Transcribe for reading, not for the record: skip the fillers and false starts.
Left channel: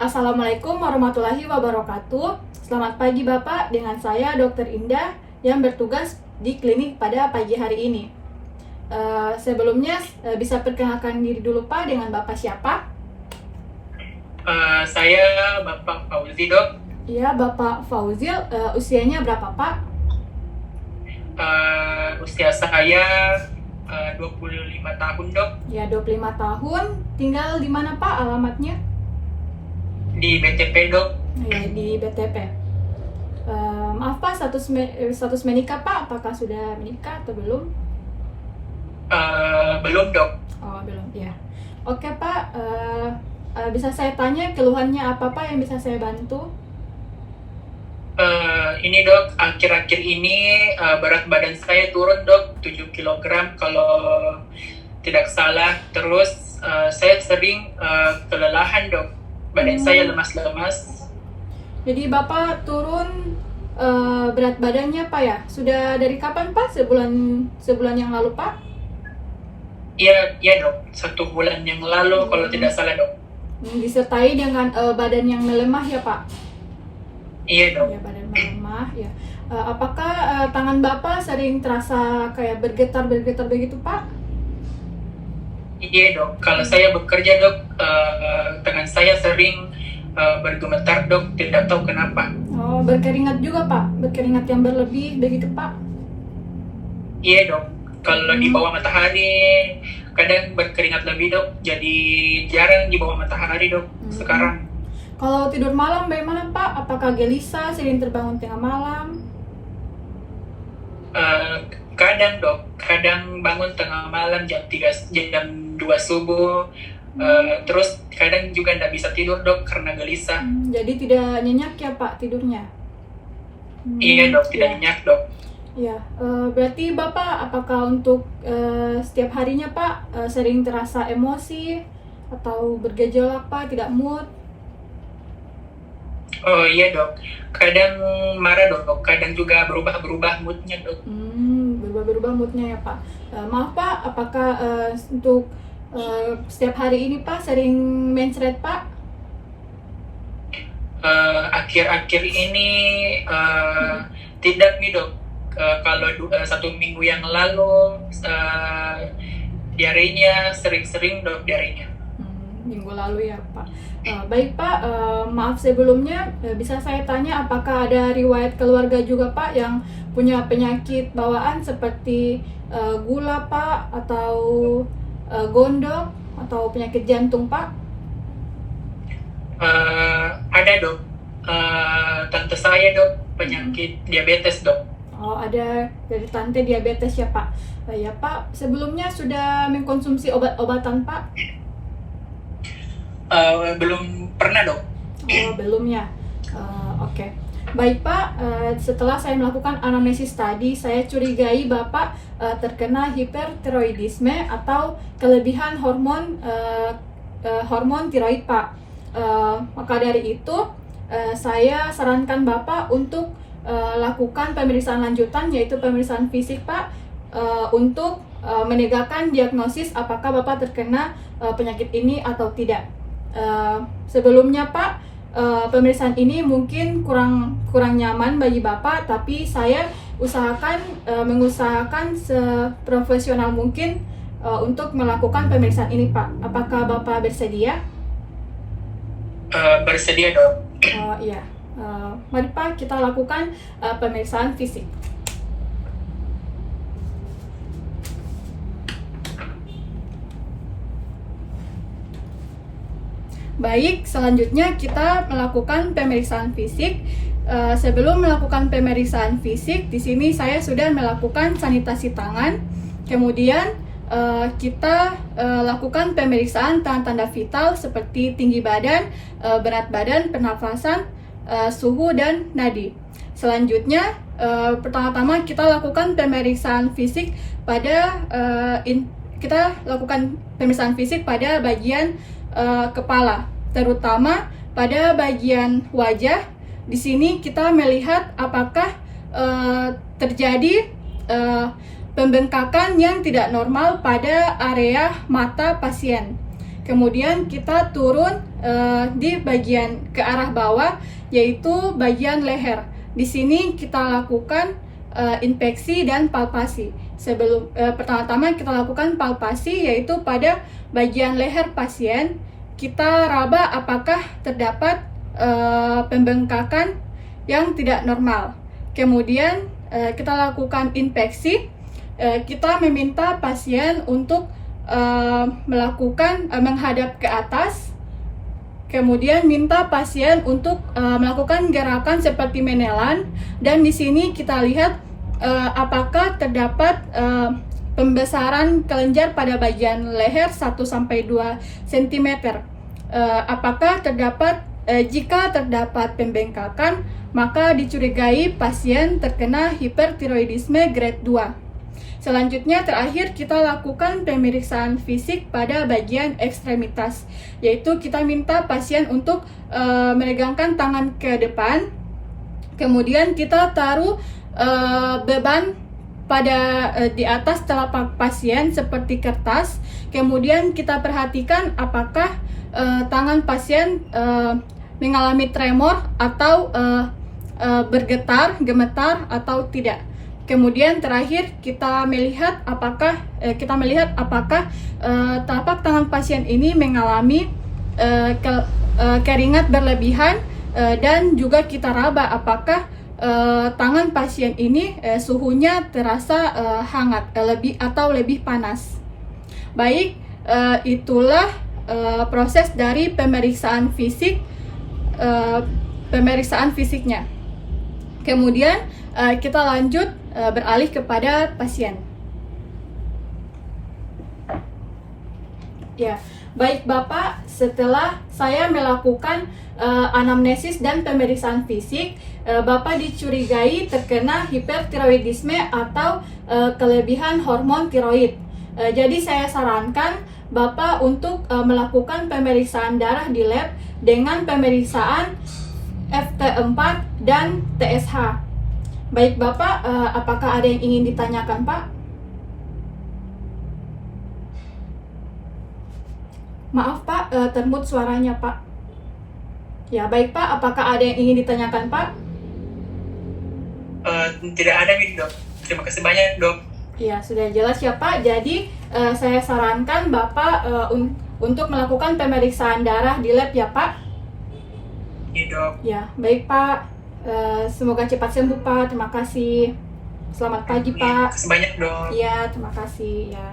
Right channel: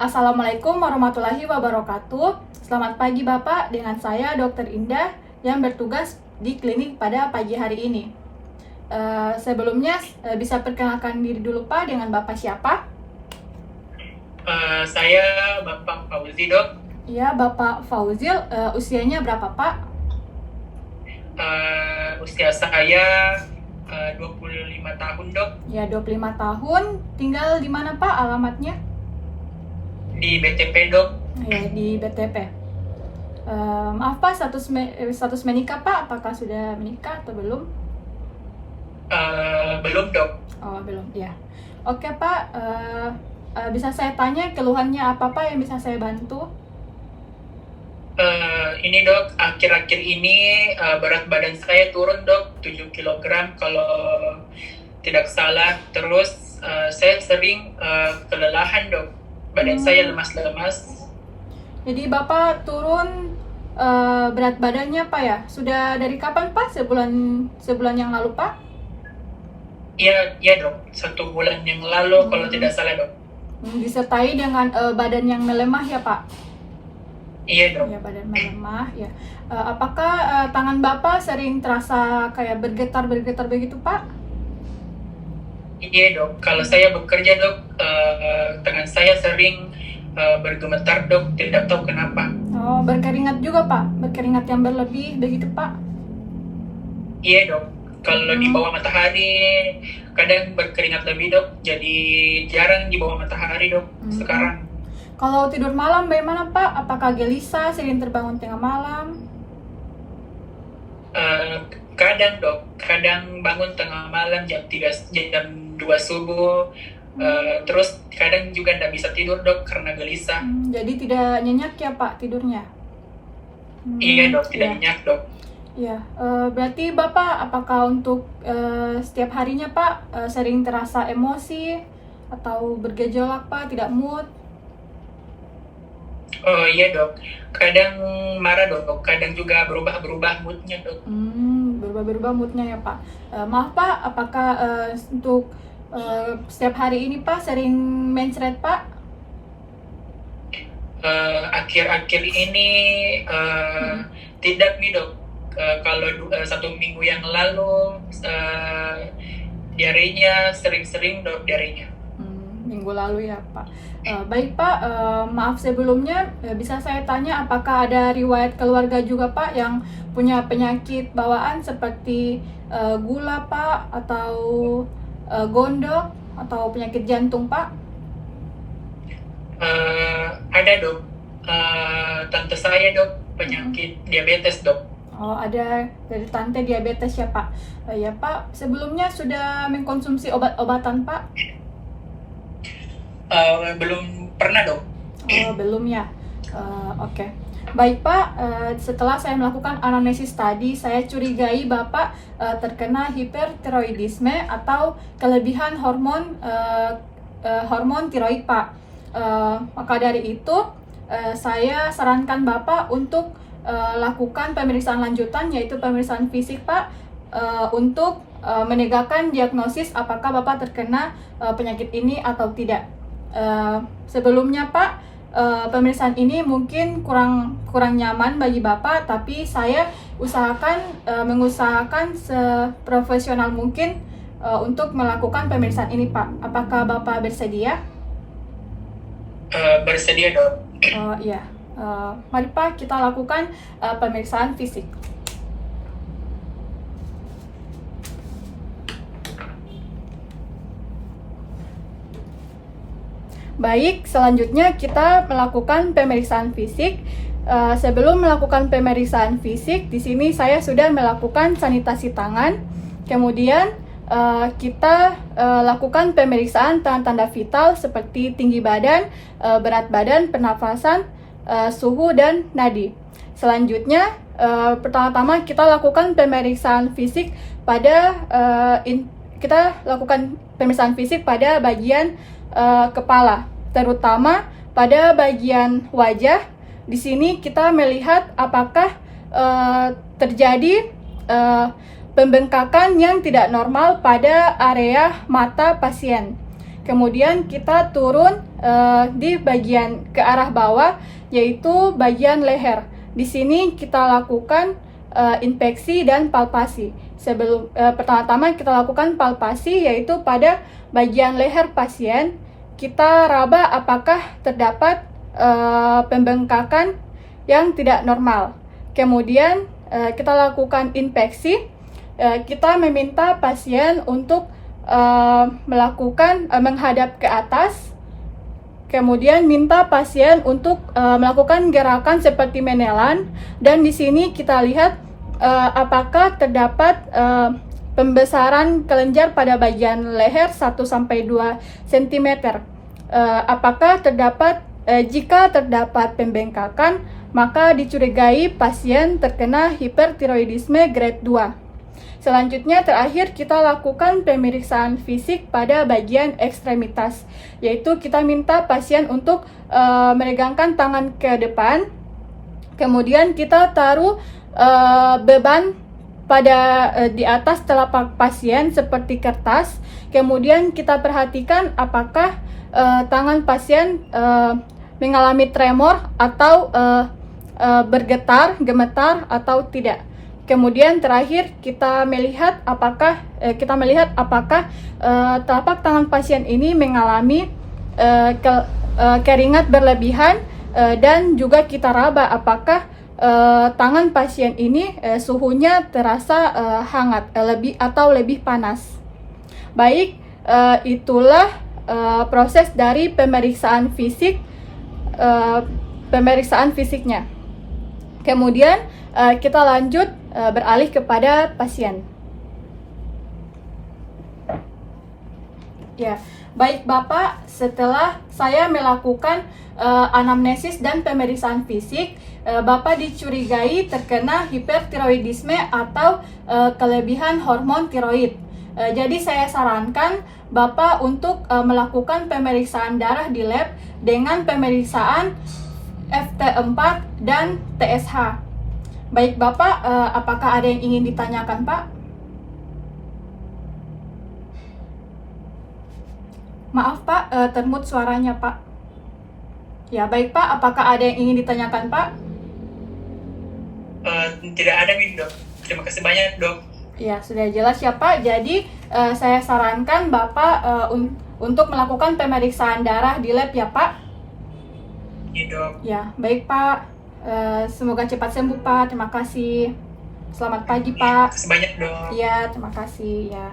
Assalamualaikum warahmatullahi wabarakatuh. Selamat pagi Bapak, dengan saya Dr. Indah yang bertugas di klinik pada pagi hari ini. Sebelumnya bisa perkenalkan diri dulu Pak, dengan Bapak siapa? Saya Bapak Fauzi, Dok. Iya, Bapak Fauzil, usianya berapa Pak? Usia saya 25 tahun, Dok. Ya, 25 tahun. Tinggal di mana Pak alamatnya? Di BTP, Dok. Ya, di BTP. Maaf Pak, status menikah Pak, apakah sudah menikah atau belum? Belum, Dok. Oh, belum, ya. Oke Pak, bisa saya tanya keluhannya apa Pak yang bisa saya bantu? Ini, Dok, akhir-akhir ini berat badan saya turun, Dok, 7 kg kalau tidak salah. Terus saya sering kelelahan, Dok. Badan saya lemas-lemas. Jadi Bapak turun berat badannya Pak ya? Sudah dari kapan Pak? Sebulan yang lalu Pak? Iya, Dok. 1 bulan yang lalu kalau tidak salah, Dok. Disertai dengan badan yang melemah ya Pak? Iya, Dok. Ya, badan melemah ya. Apakah tangan Bapak sering terasa kayak bergetar-bergetar begitu Pak? Iya, Dok, kalau saya bekerja, Dok, tangan saya sering bergemetar, Dok, tidak tahu kenapa. Oh, berkeringat juga Pak? Berkeringat yang berlebih begitu Pak? Iya, Dok, kalau di bawah matahari kadang berkeringat lebih, Dok, jadi jarang di bawah matahari, Dok, sekarang. Kalau tidur malam bagaimana Pak? Apakah gelisah, sering terbangun tengah malam? Kadang, Dok, kadang bangun tengah malam jam 2 subuh, terus kadang juga tidak bisa tidur, Dok, karena gelisah. Jadi tidak nyenyak ya Pak tidurnya? Iya, Dok, tidak nyenyak, Dok. Ya, berarti Bapak apakah untuk setiap harinya Pak sering terasa emosi atau bergejolak Pak, tidak mood? Oh iya, Dok, kadang marah, Dok, kadang juga berubah-berubah moodnya, Dok. Berubah-berubah moodnya ya Pak. Maaf Pak, apakah untuk setiap hari ini Pak sering mencret Pak? Akhir-akhir ini tidak nih, Dok. Kalau 1 minggu yang lalu diarenya sering-sering, Dok, diarenya. Minggu lalu ya Pak. Baik Pak, maaf sebelumnya bisa saya tanya apakah ada riwayat keluarga juga Pak yang punya penyakit bawaan seperti gula Pak, atau gondok, atau penyakit jantung Pak? Ada, Dok. Tante saya, Dok, penyakit diabetes, Dok. Oh, ada dari tante diabetes ya Pak. Ya Pak, sebelumnya sudah mengkonsumsi obat-obatan Pak? Belum pernah, Dok. Oh, belum ya. Oke. Baik Pak, setelah saya melakukan anamnesis tadi, saya curigai Bapak terkena hipertiroidisme atau kelebihan hormon tiroid Pak. Maka dari itu, saya sarankan Bapak untuk lakukan pemeriksaan lanjutan, yaitu pemeriksaan fisik Pak, untuk menegakkan diagnosis apakah Bapak terkena penyakit ini atau tidak. Sebelumnya Pak, pemeriksaan ini mungkin kurang nyaman bagi Bapak, tapi saya mengusahakan seprofesional mungkin untuk melakukan pemeriksaan ini Pak. Apakah Bapak bersedia? Bersedia, Dok. Iya. Mari Pak, kita lakukan pemeriksaan fisik. Baik, selanjutnya kita melakukan pemeriksaan fisik. Sebelum melakukan pemeriksaan fisik, di sini saya sudah melakukan sanitasi tangan. Kemudian kita lakukan pemeriksaan tanda-tanda vital seperti tinggi badan, berat badan, pernafasan, suhu, dan nadi. Selanjutnya, pertama-tama kita lakukan pemeriksaan fisik pada bagian kepala, terutama pada bagian wajah. Di sini kita melihat apakah terjadi pembengkakan yang tidak normal pada area mata pasien. Kemudian kita turun di bagian ke arah bawah, yaitu bagian leher. Di sini kita lakukan inspeksi dan palpasi. Pertama-tama kita lakukan palpasi, yaitu pada bagian leher pasien. Kita raba apakah terdapat pembengkakan yang tidak normal. Kemudian kita lakukan inspeksi. Kita meminta pasien untuk menghadap ke atas. Kemudian minta pasien untuk melakukan gerakan seperti menelan, dan di sini kita lihat apakah terdapat pembesaran kelenjar pada bagian leher 1-2 cm. Apakah terdapat jika terdapat pembengkakan, maka dicurigai pasien terkena hipertiroidisme grade 2. Selanjutnya terakhir kita lakukan pemeriksaan fisik pada bagian ekstremitas, yaitu kita minta pasien untuk meregangkan tangan ke depan, kemudian kita taruh beban pada di atas telapak pasien seperti kertas, kemudian kita perhatikan apakah tangan pasien mengalami tremor atau bergetar, gemetar atau tidak. Kemudian terakhir kita melihat apakah telapak tangan pasien ini mengalami keringat berlebihan, dan juga kita raba apakah tangan pasien ini suhunya terasa hangat lebih panas. Baik, itulah proses dari pemeriksaan fisiknya. Kemudian kita lanjut beralih kepada pasien. Ya, baik Bapak, setelah saya melakukan anamnesis dan pemeriksaan fisik, Bapak dicurigai terkena hipertiroidisme atau kelebihan hormon tiroid. Jadi saya sarankan Bapak untuk melakukan pemeriksaan darah di lab dengan pemeriksaan FT4 dan TSH. Baik Bapak, apakah ada yang ingin ditanyakan Pak? Maaf Pak, termut suaranya Pak. Ya baik Pak, apakah ada yang ingin ditanyakan Pak? Tidak ada Dok. Terima kasih banyak Dok. Ya sudah jelas ya Pak. Jadi saya sarankan Bapak untuk melakukan pemeriksaan darah di lab ya Pak. Iya Dok. Ya baik Pak. Semoga cepat sembuh Pak. Terima kasih. Selamat pagi Pak. Terima kasih banyak Dok. Iya terima kasih ya.